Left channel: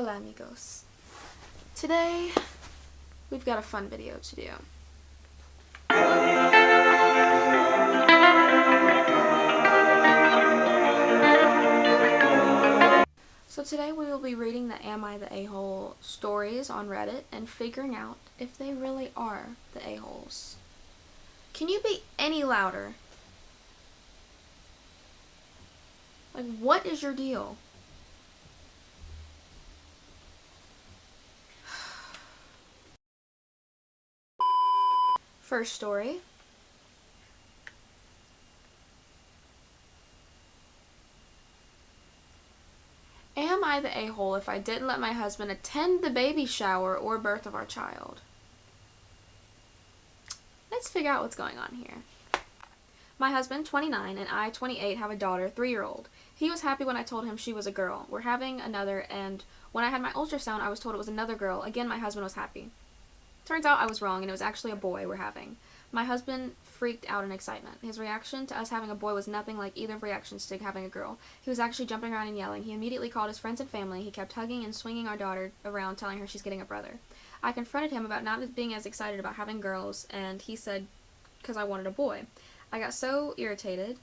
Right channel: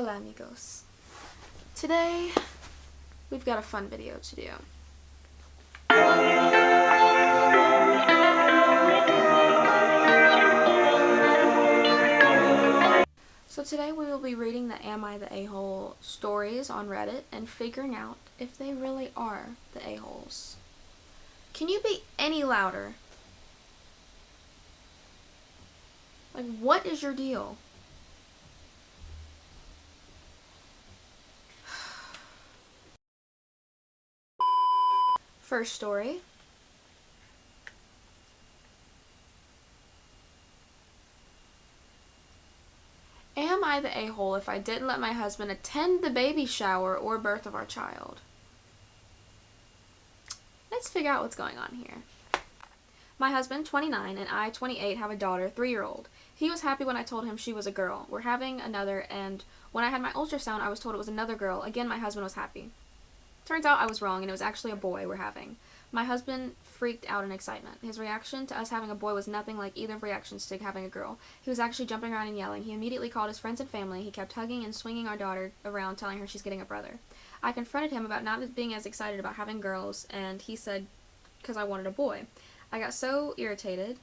Hola amigos. Today, we've got a fun video to do. So today we will be reading the Am I the A-hole stories on Reddit and figuring out if they really are the a-holes. Can you be any louder? Like, what is your deal? First story. Am I the a-hole if I didn't let my husband attend the baby shower or birth of our child? Let's figure out what's going on here. My husband, 29, and I, 28, have a daughter, 3-year-old. He was happy when I told him she was a girl. We're having another, and when I had my ultrasound, I was told it was another girl. Again, my husband was happy. Turns out I was wrong, and it was actually a boy we're having. My husband freaked out in excitement. His reaction to us having a boy was nothing like either reactions to having a girl. He was actually jumping around and yelling. He immediately called his friends and family. He kept hugging and swinging our daughter around, telling her she's getting a brother. I confronted him about not being as excited about having girls, and he said, because I wanted a boy. I got so irritated.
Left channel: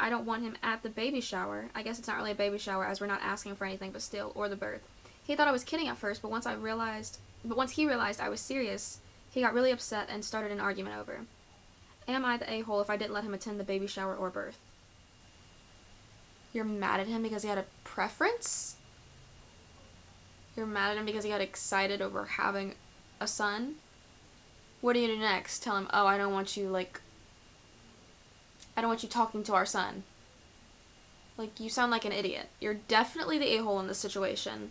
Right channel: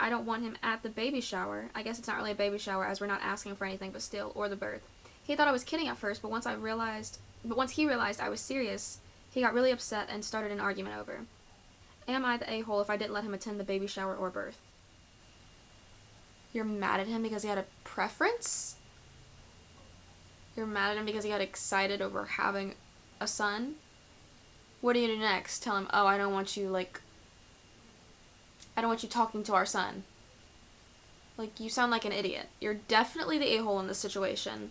I don't want him at the baby shower. I guess it's not really a baby shower as we're not asking for anything, but still, or the birth. He thought I was kidding at first, but once he realized I was serious, he got really upset and started an argument over. Am I the a-hole if I didn't let him attend the baby shower or birth? You're mad at him because he had a preference? You're mad at him because he got excited over having a son? What do you do next? Tell him, oh, I don't want you talking to our son. Like, you sound like an idiot. You're definitely the a-hole in this situation.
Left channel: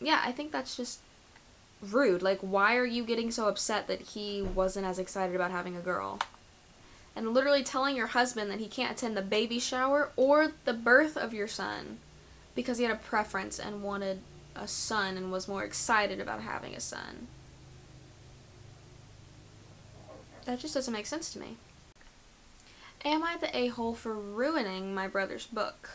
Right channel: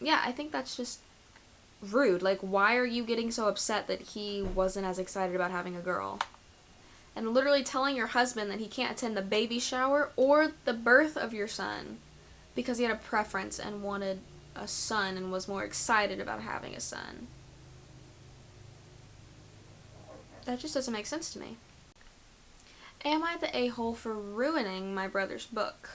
Yeah, I think that's just rude. Like, why are you getting so upset that he wasn't as excited about having a girl? And literally telling your husband that he can't attend the baby shower or the birth of your son because he had a preference and wanted a son and was more excited about having a son. That just doesn't make sense to me. Am I the a-hole for ruining my brother's book?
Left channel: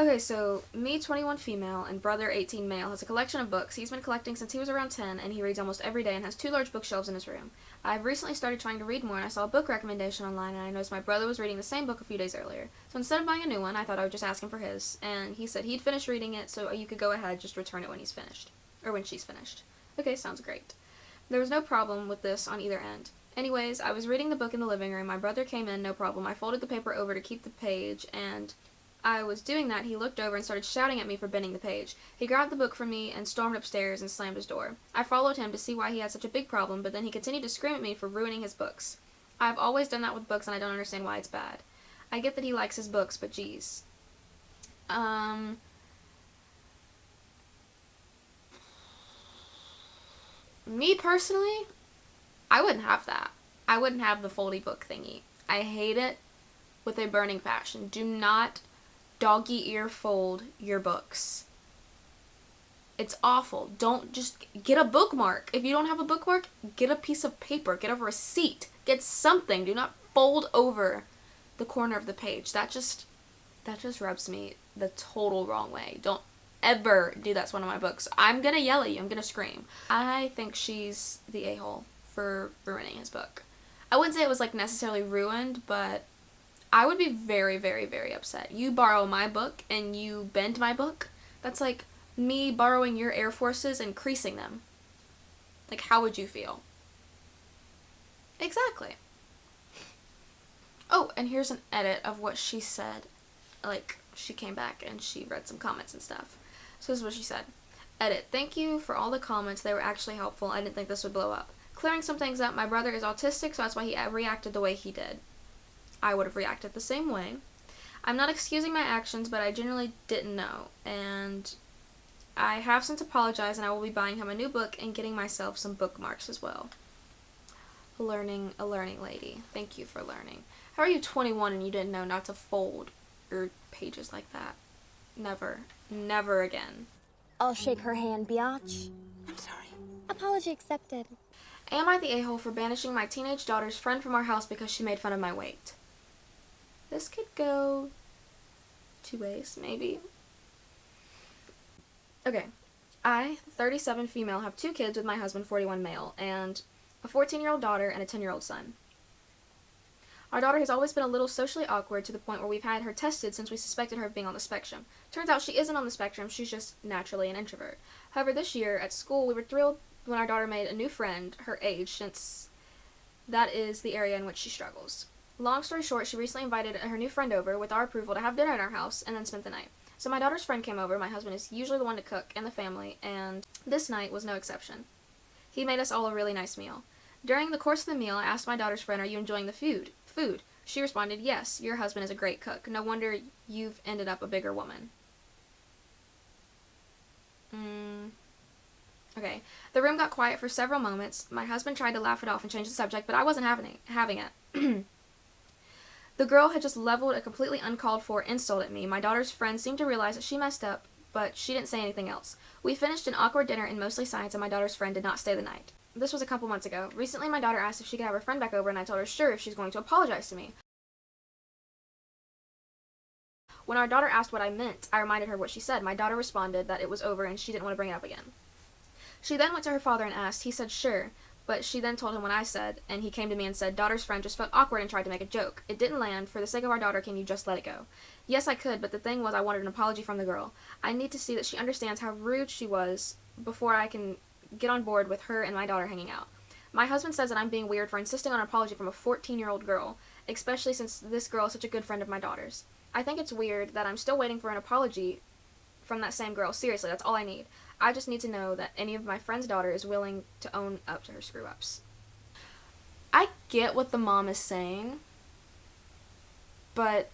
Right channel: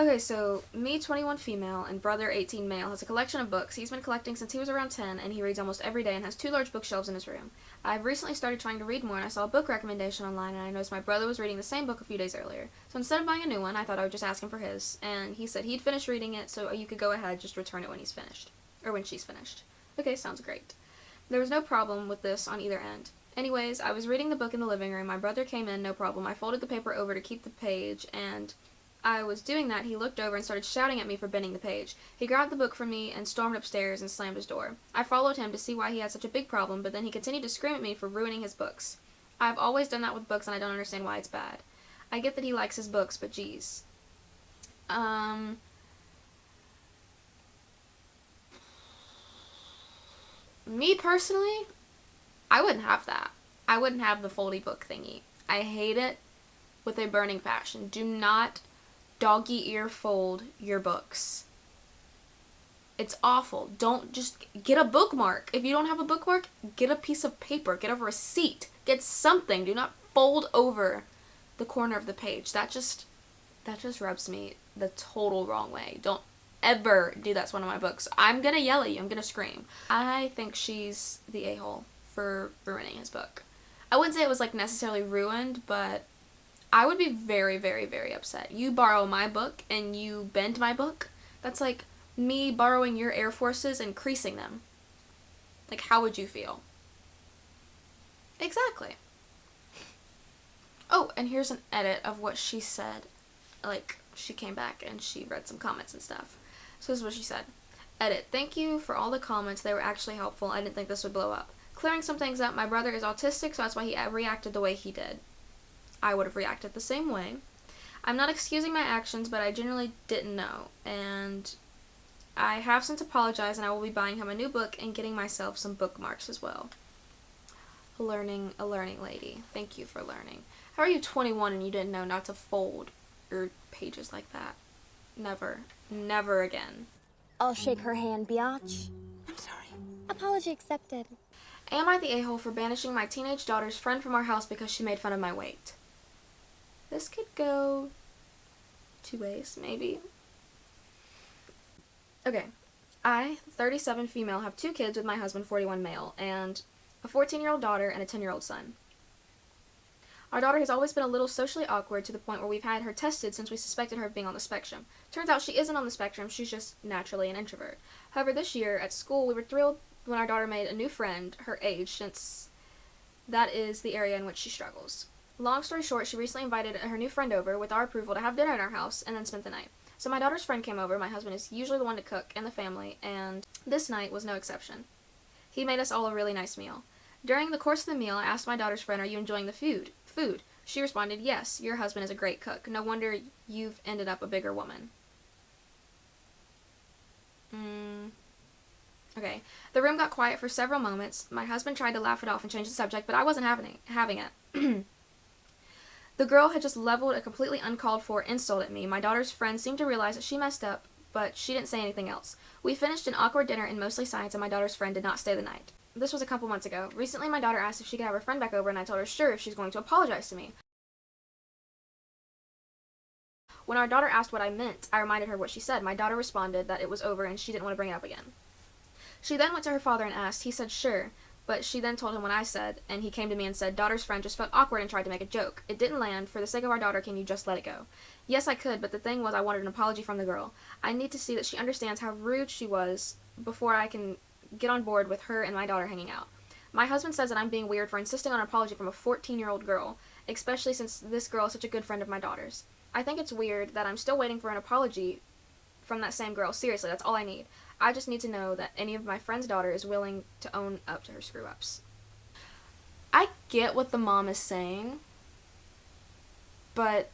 Okay, so me, 21 female, and brother, 18 male, has a collection of books. He's been collecting since he was around 10, and he reads almost every day and has 2 large bookshelves in his room. I've recently started trying to read more, and I saw a book recommendation online, and I noticed my brother was reading the same book a few days earlier. So instead of buying a new one, I thought I would just ask him for his, and he said he'd finished reading it, so you could go ahead, just return it when he's finished. Or when she's finished. Okay, sounds great. There was no problem with this on either end. Anyways, I was reading the book in the living room. My brother came in, no problem. I folded the paper over to keep the page, and I was doing that. He looked over and started shouting at me for bending the page. He grabbed the book from me and stormed upstairs and slammed his door. I followed him to see why he had such a big problem, but then he continued to scream at me for ruining his books. I've always done that with books, and I don't understand why it's bad. I get that he likes his books, but geez. Me personally, I wouldn't have that. I wouldn't have the foldy book thingy. I hate it with a burning passion. Do not doggy ear fold your books. It's awful. Don't just get a bookmark. If you don't have a bookmark, get a piece of paper. Get a receipt. Get something. Do not fold over the corner of the page. That just rubs me the total wrong way. Don't ever do that to one of my books. I'm gonna yell at you. I'm gonna scream. I think she's the a-hole for ruining his book. I wouldn't say it was like necessarily ruined, but I would be very, very, very upset. You borrow my book and you bend my book. That's like me borrowing your Air Forces and creasing them. Like, how would you feel? Exactly. Oh, and here's an edit of what she said. Like, she came back and she read some comments and stuff. So this is what she said. Edit. Thank you for all the comments. They were actually helpful. I didn't think this would blow up. Clearing some things up. My brother is autistic, so that's why he reacted the way he did. I would have reacted the same way. I'm not excusing my actions, but I genuinely didn't know. And I have since apologized, and I will be buying him a new book and getting myself some bookmarks as well. A learning lady. Thank you for learning. How are you 21 and you didn't know not to fold your pages like that? Never. Never again. I'll shake her hand, biatch. I'm sorry. Apology accepted. Am I the a-hole for banishing my teenage daughter's friend from our house because she made fun of my weight? This could go 2 ways, maybe. Okay. I, 37 female, have 2 kids with my husband, 41 male, and a 14-year-old daughter and a 10-year-old son. My daughter has always been a little socially awkward to the point where we've had her tested since we suspected her of being on the spectrum. Turns out she isn't on the spectrum, she's just naturally an introvert. However, this year at school, we were thrilled when our daughter made a new friend her age, since that is the area in which she struggles. Long story short, she recently invited her new friend over with our approval to have dinner at our house and then spent the night. So my daughter's friend came over. My husband is usually the one to cook in the family, and this night was no exception. He made us all a really nice meal. During the course of the meal, I asked my daughter's friend, "Are you enjoying the food?" She responded, "Yes, your husband is a great cook. No wonder you've ended up a bigger woman." Okay. The room got quiet for several moments. My husband tried to laugh it off and change the subject, but I wasn't having it. The girl had just leveled a completely uncalled for insult at me. My daughter's friend seemed to realize that she messed up, but she didn't say anything else. We finished an awkward dinner in mostly silence, and my daughter's friend did not stay the night. This was a couple months ago. Recently, my daughter asked if she could have her friend back over, and I told her sure if she's going to apologize to me. When our daughter asked what I meant, I reminded her what she said. My daughter responded that it was over and she didn't want to bring it up again. She then went to her father and asked. He said sure, but she then told him what I said, and he came to me and said, "Daughter's friend just felt awkward and tried to make a joke. It didn't land. For the sake of our daughter, can you just let it go?" Yes, I could, but the thing was I wanted an apology from the girl. I need to see that she understands how rude she was before I can get on board with her and my daughter hanging out. My husband says that I'm being weird for insisting on an apology from a 14-year-old girl, especially since this girl is such a good friend of my daughter's. I think it's weird that I'm still waiting for an apology from that same girl. Seriously, that's all I need. I just need to know that any of my friend's daughter is willing to own up to her screw-ups. I get what the mom is saying, but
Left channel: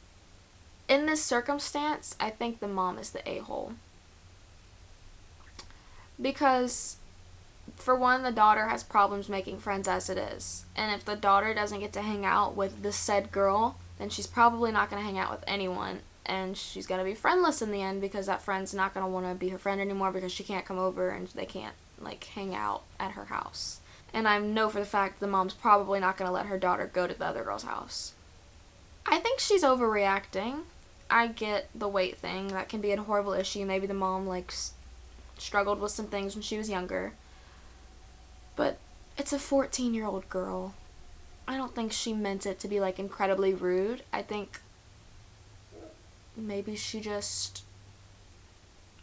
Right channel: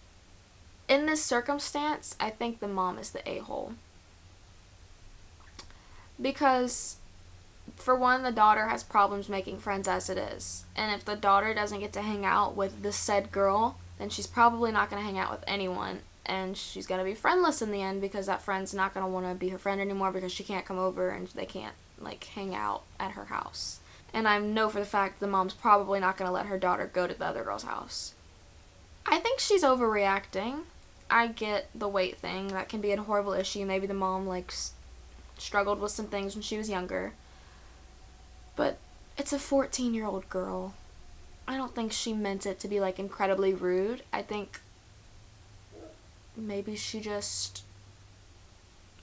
in this circumstance, I think the mom is the a-hole. Because, for one, the daughter has problems making friends as it is. And if the daughter doesn't get to hang out with the said girl, then she's probably not going to hang out with anyone. And she's going to be friendless in the end because that friend's not going to want to be her friend anymore because she can't come over and they can't, hang out at her house. And I know for the fact the mom's probably not going to let her daughter go to the other girl's house. I think she's overreacting. I get the weight thing. That can be a horrible issue. Maybe the mom, struggled with some things when she was younger. But it's a 14-year-old girl. I don't think she meant it to be, incredibly rude. I think maybe she just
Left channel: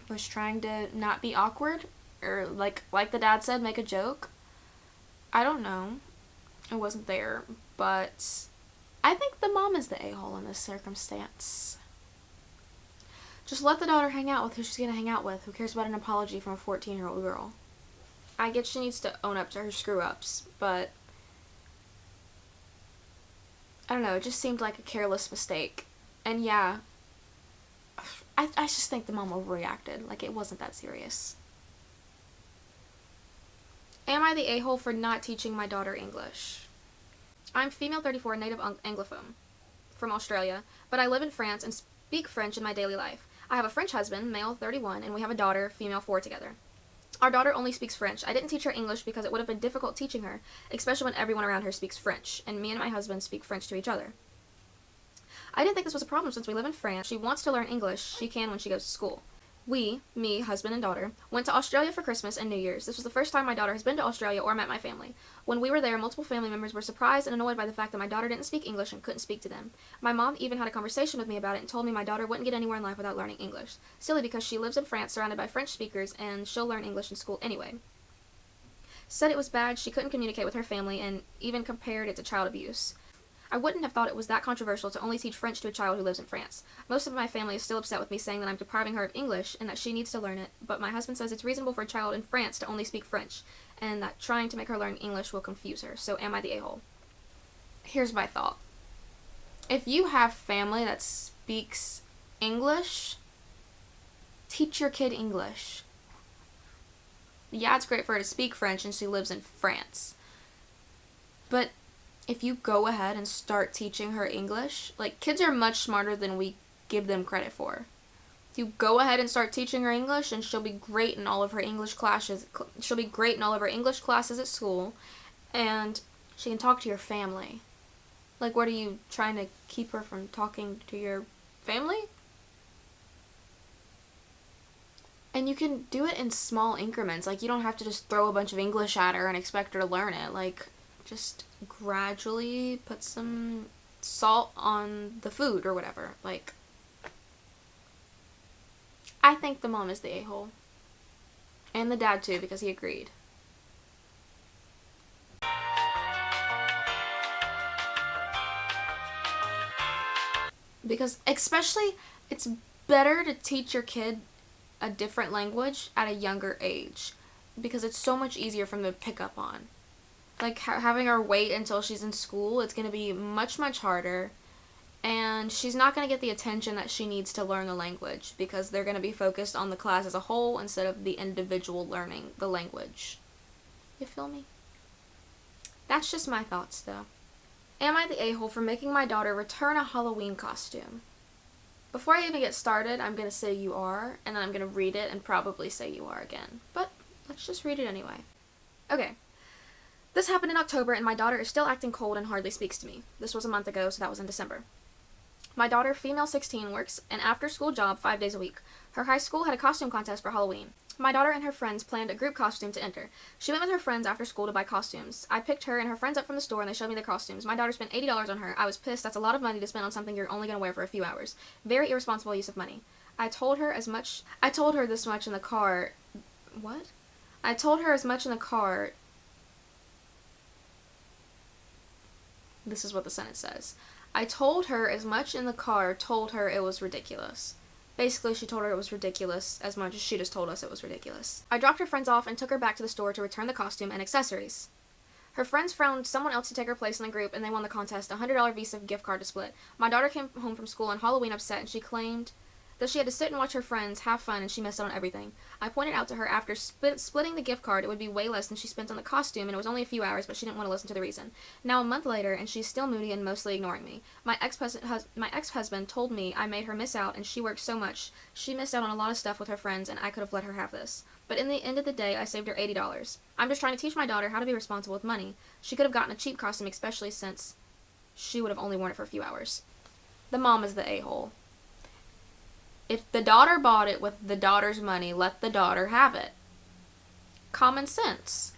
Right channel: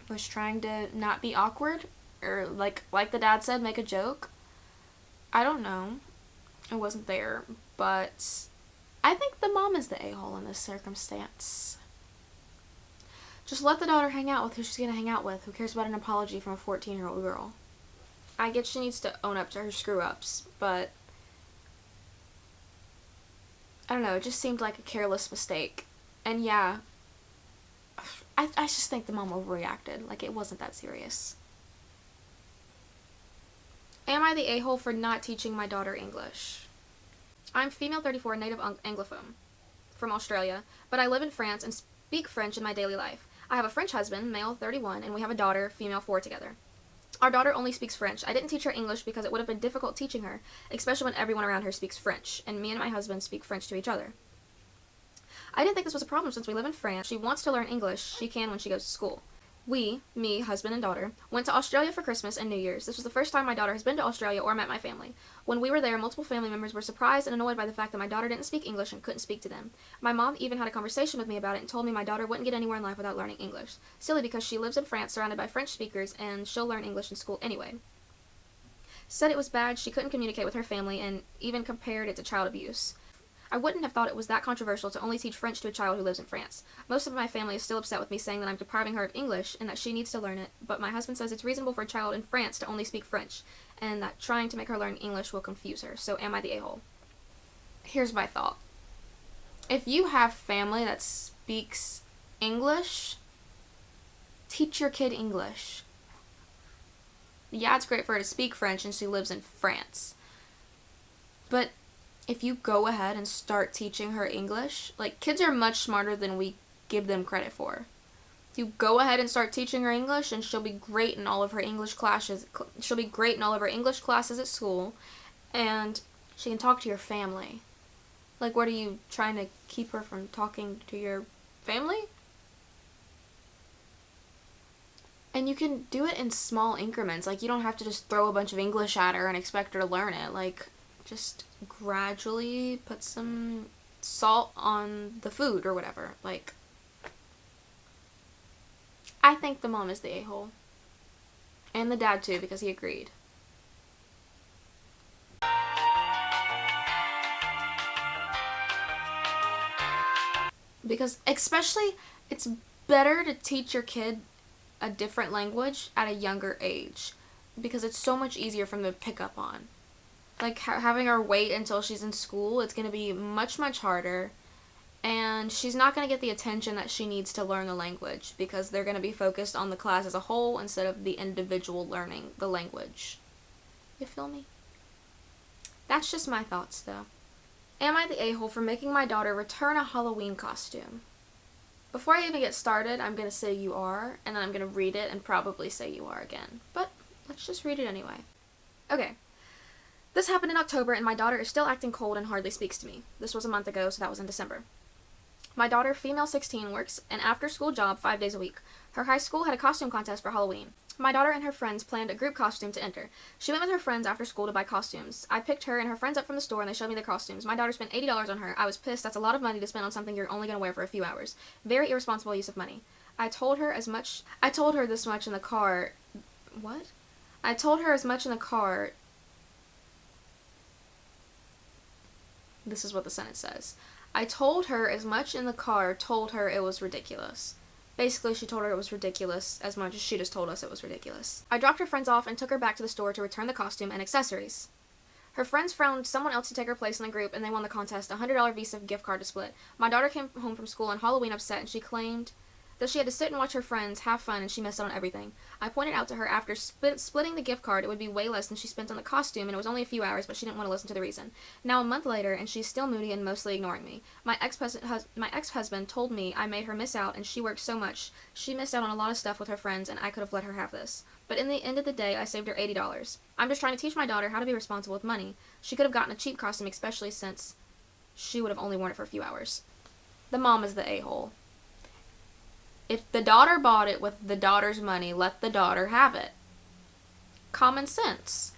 was trying to not be awkward, or like the dad said, make a joke. I don't know. I wasn't there, but I think the mom is the a-hole in this circumstance. Just let the daughter hang out with who she's going to hang out with. Who cares about an apology from a 14-year-old girl? I get she needs to own up to her screw-ups, but I don't know, it just seemed like a careless mistake. And yeah, I just think the mom overreacted. It wasn't that serious. Am I the a-hole for not teaching my daughter English? I'm female 34, native Anglophone from Australia, but I live in France and speak French in my daily life. I have a French husband, male 31, and we have a daughter, female 4 together. Our daughter only speaks French. I didn't teach her English because it would have been difficult teaching her, especially when everyone around her speaks French, and me and my husband speak French to each other. I didn't think this was a problem since we live in France. She wants to learn English. She can when she goes to school. We, me, husband, and daughter, went to Australia for Christmas and New Year's. This was the first time my daughter has been to Australia or met my family. When we were there, multiple family members were surprised and annoyed by the fact that my daughter didn't speak English and couldn't speak to them. My mom even had a conversation with me about it and told me my daughter wouldn't get anywhere in life without learning English. Silly, because she lives in France surrounded by French speakers and she'll learn English in school anyway. Said it was bad, she couldn't communicate with her family, and even compared it to child abuse. I wouldn't have thought it was that controversial to only teach French to a child who lives in France. Most of my family is still upset with me saying that I'm depriving her of English and that she needs to learn it, but my husband says it's reasonable for a child in France to only speak French, and that trying to make her learn English will confuse her. So am I the a-hole? Here's my thought. If you have family that speaks English, teach your kid English. Yeah, it's great for her to speak French and she lives in France. But if you go ahead and start teaching her English, kids are much smarter than we give them credit for. If you go ahead and start teaching her English, and she'll be great in all of her English classes. She'll be great in all of her English classes at school, and she can talk to your family. What are you trying to keep her from talking to your family? And And you can do it in small increments. Like, you don't have to just throw a bunch of English at her and expect her to learn it. Like, just gradually put some salt on the food or whatever. Like, I think the mom is the a-hole. And the dad, too, because he agreed. Because, especially, it's better to teach your kid a different language at a younger age, because it's so much easier for them to pick up on. Like, having her wait until she's in school, it's going to be much, much harder, and she's not going to get the attention that she needs to learn the language, because they're going to be focused on the class as a whole instead of the individual learning the language. You feel me? That's just my thoughts, though. Am I the a-hole for making my daughter return a Halloween costume? Before I even get started, I'm going to say you are, and then I'm going to read it and probably say you are again. But let's just read it anyway. Okay. This happened in October, and my daughter is still acting cold and hardly speaks to me. This was a month ago, so that was in December. My daughter, female 16, works an after-school job 5 days a week. Her high school had a costume contest for Halloween. My daughter and her friends planned a group costume to enter. She went with her friends after school to buy costumes. I picked her and her friends up from the store, and they showed me their costumes. My daughter spent $80 on her. I was pissed. That's a lot of money to spend on something you're only going to wear for a few hours. Very irresponsible use of money. I told her this much in the car. What? I told her as much in the car. This is what the sentence says. I told her as much in the car, told her it was ridiculous. Basically, she told her it was ridiculous as much as she just told us it was ridiculous. I dropped her friends off and took her back to the store to return the costume and accessories. Her friends found someone else to take her place in the group, and they won the contest, a $100 Visa gift card to split. My daughter came home from school on Halloween upset, and she claimed that she had to sit and watch her friends have fun, and she missed out on everything. I pointed out to her after splitting the gift card, it would be way less than she spent on the costume, and it was only a few hours, but she didn't want to listen to the reason. Now, a month later, and she's still moody and mostly ignoring me. My ex-husband told me I made her miss out, and she worked so much. She missed out on a lot of stuff with her friends, and I could have let her have this. But in the end of the day, I saved her $80. I'm just trying to teach my daughter how to be responsible with money. She could have gotten a cheap costume, especially since she would have only worn it for a few hours. The mom is the a-hole. If the daughter bought it with the daughter's money, let the daughter have it. Common sense.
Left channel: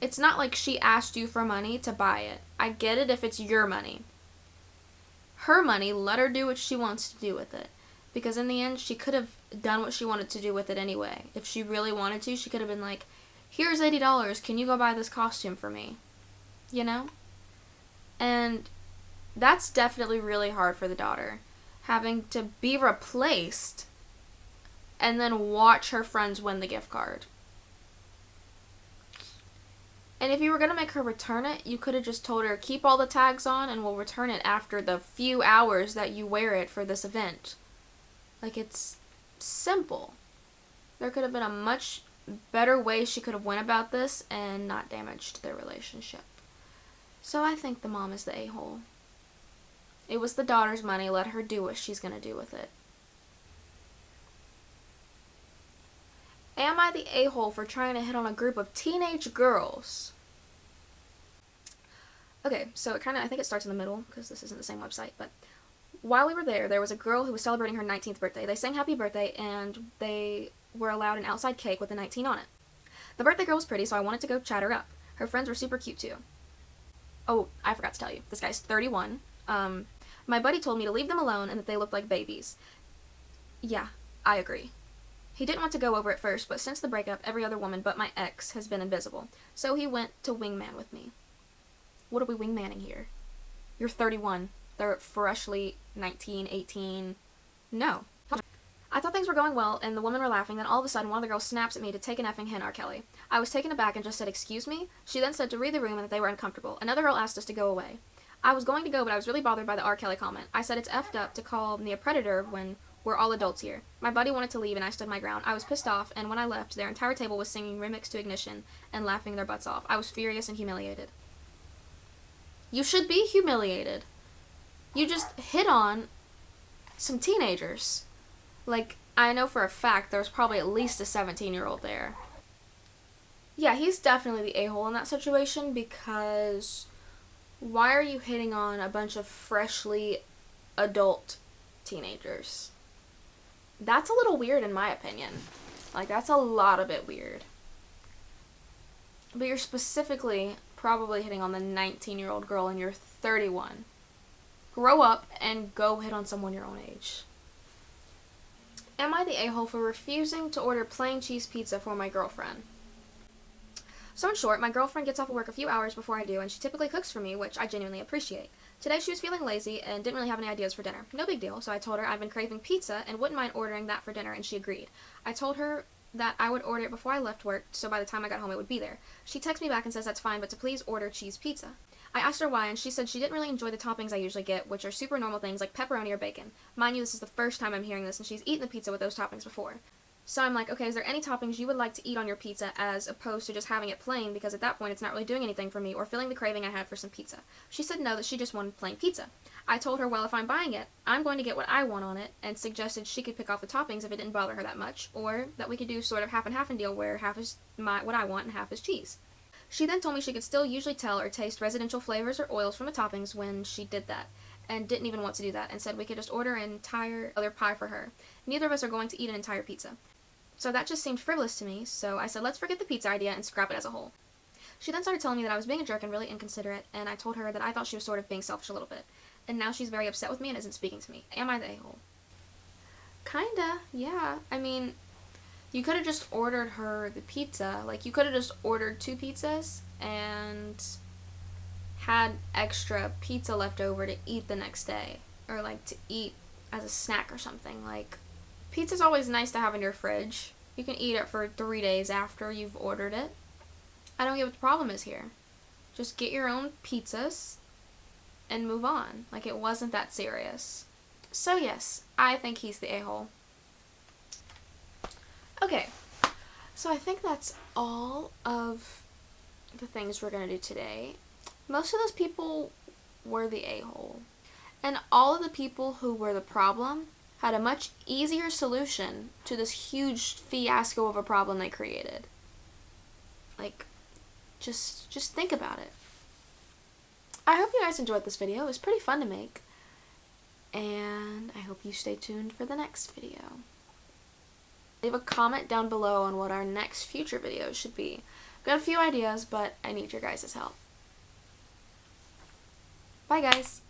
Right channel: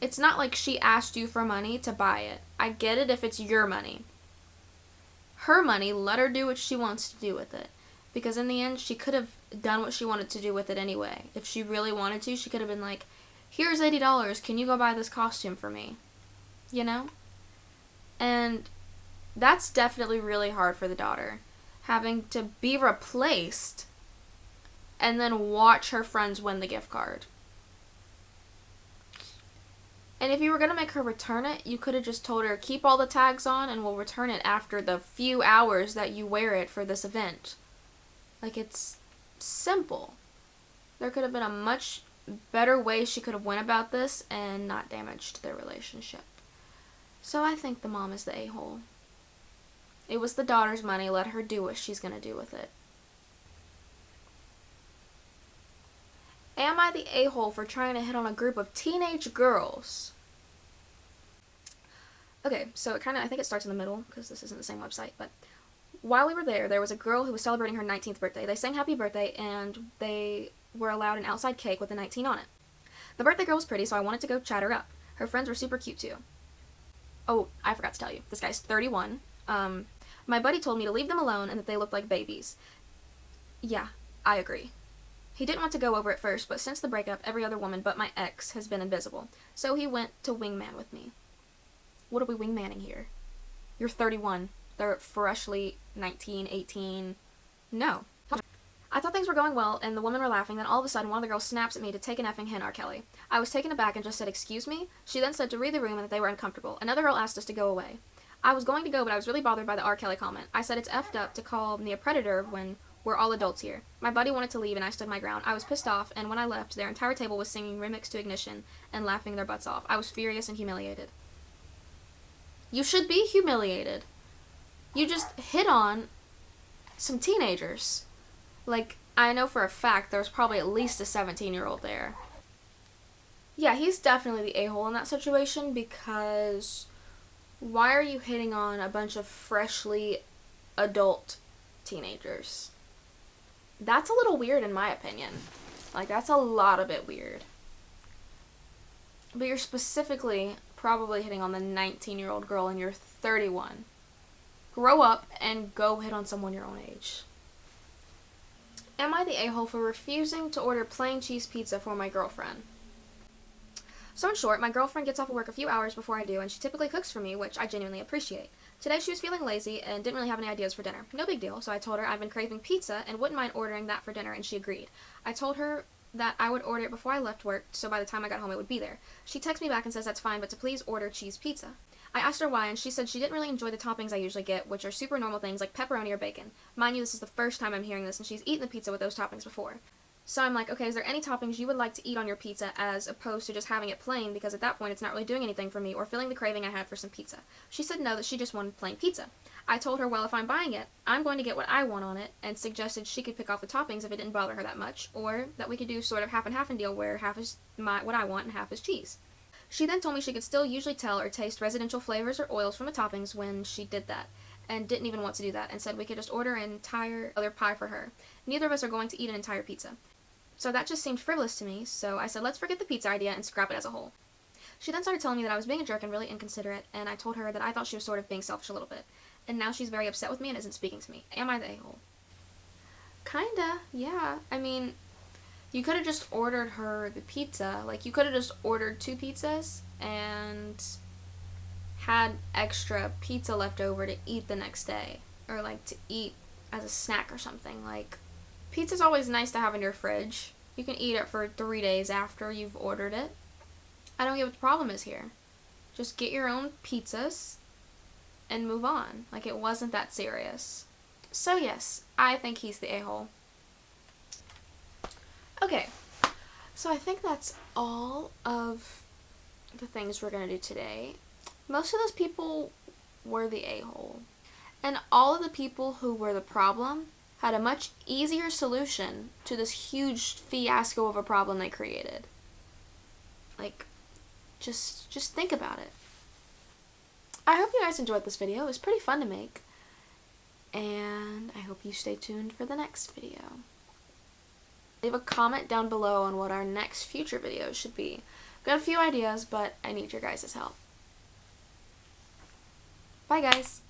It's not like she asked you for money to buy it. I get it if it's your money. Her money, let her do what she wants to do with it. Because in the end, she could have done what she wanted to do with it anyway. If she really wanted to, she could have been like, here's $80, can you go buy this costume for me? You know? And that's definitely really hard for the daughter. Having to be replaced and then watch her friends win the gift card. And if you were going to make her return it, you could have just told her, keep all the tags on and we'll return it after the few hours that you wear it for this event. Like, it's simple. There could have been a much better way she could have went about this and not damaged their relationship. So I think the mom is the a-hole. It was the daughter's money. Let her do what she's going to do with it. Am I the a-hole for trying to hit on a group of teenage girls? Okay, so I think it starts in the middle, because this isn't the same website, but while we were there was a girl who was celebrating her 19th birthday. They sang happy birthday, and they were allowed an outside cake with a 19 on it. The birthday girl was pretty, so I wanted to go chat her up. Her friends were super cute, too. Oh, I forgot to tell you. This guy's 31. My buddy told me to leave them alone and that they looked like babies. Yeah, I agree. He didn't want to go over it first, but since the breakup, every other woman but my ex has been invisible. So he went to wingman with me. What are we wingmanning here? You're 31. They're freshly 19, 18. No. I thought things were going well, and the women were laughing, then all of a sudden one of the girls snaps at me to take an effing hit R. Kelly. I was taken aback and just said, excuse me? She then said to read the room and that they were uncomfortable. Another girl asked us to go away. I was going to go, but I was really bothered by the R. Kelly comment. I said it's effed up to call me a predator when we're all adults here. My buddy wanted to leave, and I stood my ground. I was pissed off, and when I left, their entire table was singing Remix to Ignition and laughing their butts off. I was furious and humiliated. You should be humiliated. You just hit on some teenagers. Like, I know for a fact there was probably at least a 17-year-old there. Yeah, he's definitely the a-hole in that situation, because why are you hitting on a bunch of freshly adult teenagers? That's a little weird in my opinion. Like, that's a lot of bit weird. But you're specifically probably hitting on the 19-year-old girl and you're 31. Grow up and go hit on someone your own age. Am I the a-hole for refusing to order plain cheese pizza for my girlfriend? So in short, my girlfriend gets off of work a few hours before I do, and she typically cooks for me, which I genuinely appreciate. Today she was feeling lazy and didn't really have any ideas for dinner. No big deal, so I told her I've been craving pizza and wouldn't mind ordering that for dinner, and she agreed. I told her that I would order it before I left work, so by the time I got home it would be there. She texts me back and says that's fine, but to please order cheese pizza. I asked her why, and she said she didn't really enjoy the toppings I usually get, which are super normal things like pepperoni or bacon. Mind you, this is the first time I'm hearing this, and she's eaten the pizza with those toppings before. So I'm like, okay, is there any toppings you would like to eat on your pizza as opposed to just having it plain, because at that point it's not really doing anything for me or filling the craving I had for some pizza. She said no, that she just wanted plain pizza. I told her, well, if I'm buying it, I'm going to get what I want on it, and suggested she could pick off the toppings if it didn't bother her that much, or that we could do sort of half and half and deal where half is what I want and half is cheese. She then told me she could still usually tell or taste residential flavors or oils from the toppings when she did that, and didn't even want to do that, and said we could just order an entire other pie for her. Neither of us are going to eat an entire pizza. So that just seemed frivolous to me, so I said let's forget the pizza idea and scrap it as a whole. She then started telling me that I was being a jerk and really inconsiderate, and I told her that I thought she was sort of being selfish a little bit. And now she's very upset with me and isn't speaking to me. Am I the a-hole? Kinda, yeah. I mean, you could have just ordered her the pizza. Like, you could have just ordered 2 pizzas and had extra pizza left over to eat the next day. Or, like, to eat as a snack or something. Like, pizza's always nice to have in your fridge. You can eat it for 3 days after you've ordered it. I don't get what the problem is here. Just get your own pizzas and move on. Like, it wasn't that serious. So yes, I think he's the a-hole. Okay, so I think that's all of the things we're going to do today. Most of those people were the a-hole. And all of the people who were the problem had a much easier solution to this huge fiasco of a problem they created. Like, just think about it. I hope you guys enjoyed this video. It was pretty fun to make. And I hope you stay tuned for the next video. Leave a comment down below on what our next future videos should be. I've got a few ideas, but I need your guys' help. Bye, guys.